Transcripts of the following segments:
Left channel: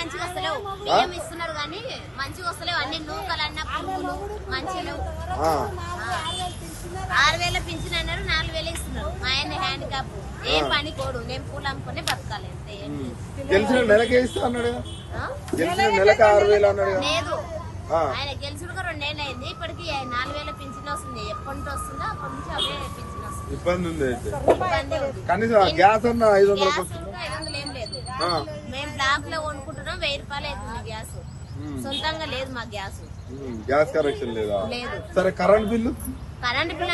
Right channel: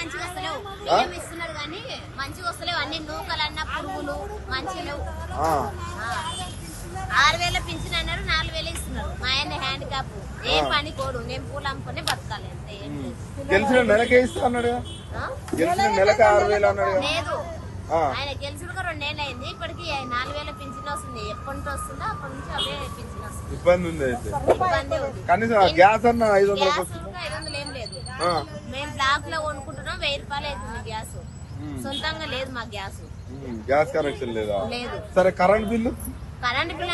మంచిగా వస్తలేవు. బియ్యం ఇస్తున్నారు కానీ మంచిగా వస్తలేవు. అన్ని నూకలన్నా పురుగులు మంచిగా లేవు. 6,000 పింఛన్ అన్నారు, 4,000 ఇస్తున్నారు. మా ఆయన హ్యాండిక్యాప్, ఏం పని కోడు. నేను పూలు అమ్ముకునే బతకాలి అంతే. ఏం లేదు. ఆయన గెలుచుడు 2 ఏళ్ళు అయింది. ఇప్పటికి 4,000 పింఛన్ వస్తుంది. ఎప్పటి నుంచి వస్తుందో అప్పటి నుంచి అవే పింఛన్ వస్తుంది. ఇబ్బంది ఉంది. గ్యాస్ 500 ఏం లేదు. మేము బ్లాక్ లో కొనుక్కుంటున్నాం. 1,000 రూపాయలు అవుతుంది గ్యాస్. సొంతంగా లేదు మాకు గ్యాస్. గ్యాస్ కనెక్షన్ లేదు. సరే కరెంట్ బిల్లు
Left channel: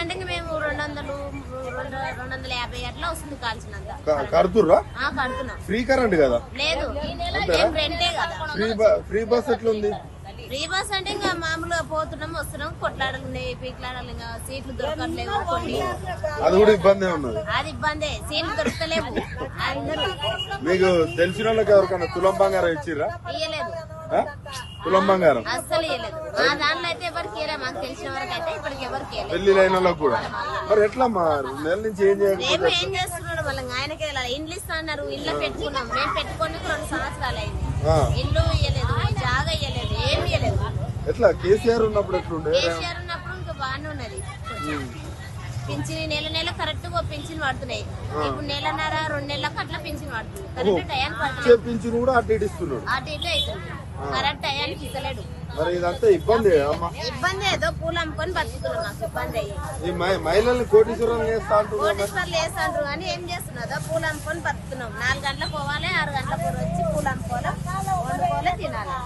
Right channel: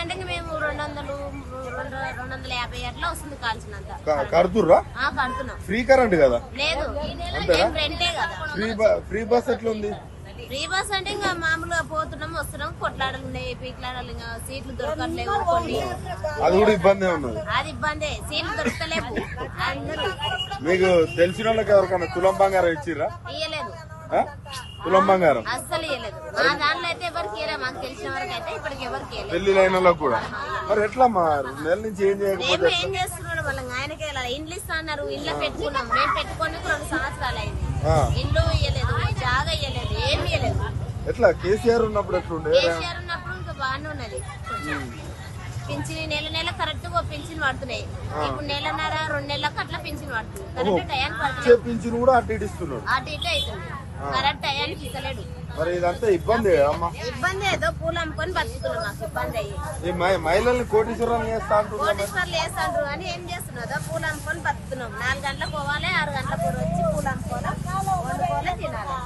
అంటే మేము 250 అట్లా వస్తుంది కాల్చినంత. కడుతున్నాం. ఫ్రీ కరెంట్ కదా? లేదు, మేము రెంటే కదా. ఫ్రీ బస్ ఎట్లా ఉంది? ఫ్రీ బస్ అంటే ఇంకా మామూలుగా పోతున్నాం వస్తున్నాం. కొట్లాడలు ఉన్నాయి, పీట్లాడాలి. ఇంకా సీట్లు దొరకట్లేవు. కొన్ని అది కూడా ఇబ్బంది ఉన్నది. అది ఇబ్బందే. సీట్లు దొరకలేవు. అందరూ మీకు తెలిసిన వాళ్ళకి ఎవరికైనా తులం బంగారం ఇచ్చిరా? ఇయ్యలేదు. తులం బంగారం అస్సలు ఇయ్యలేదు. మా దాంట్లో అయితే ఎవరికి ఇయ్యలేదు. మాకు తెలిసిన వరకు అయితే ఇప్పటికి ఎవరికి కూడా. మరి ఎట్లా నెల నుంచి మేము ఏం చేస్తున్నాడు మళ్ళీ ఆయనకి ఇండ్లు ఇస్తా అన్నారు. ఇంట్లో పెట్టుకున్నాం. మేము పెట్టుకొని 2 సంవత్సరాలు అయింది. ఇల్లు ఇయ్యలేదు, జాగా ఇయ్యలేదు, ఏమి ఇయ్యలేదు. కేసీఆర్ ఉన్నప్పుడు ఇంకా బాగానే ఉన్నది. పింఛన్ నెల కరెక్ట్ గా పింఛన్ పడుతున్నాయి. ఇప్పుడు 1.5 2 నెలలకు అట్లా పింఛన్ పడుతుంది. కరెక్ట్ టయానికి పడుతుంది. అటు ఇటు అవుతుంది. కరెక్ట్ టయానికి ఇస్తలేడు. ఇబ్బంది ఏదో పూలు అమ్ముకొని బతుకుతున్నాం. మాకు ఇబ్బంది అయ్యి కోటీశ్వర్లు వేస్తాండ్రు కానీ ఏం చేస్తున్నదో పూలు అమ్ముకొని బతుకుతున్నాం. 4 గంటలకు పోవాలి, 6 గంటలకు వచ్చి పూలు అమ్ముకోవాలి, వండుకోవాలి, తినాలి.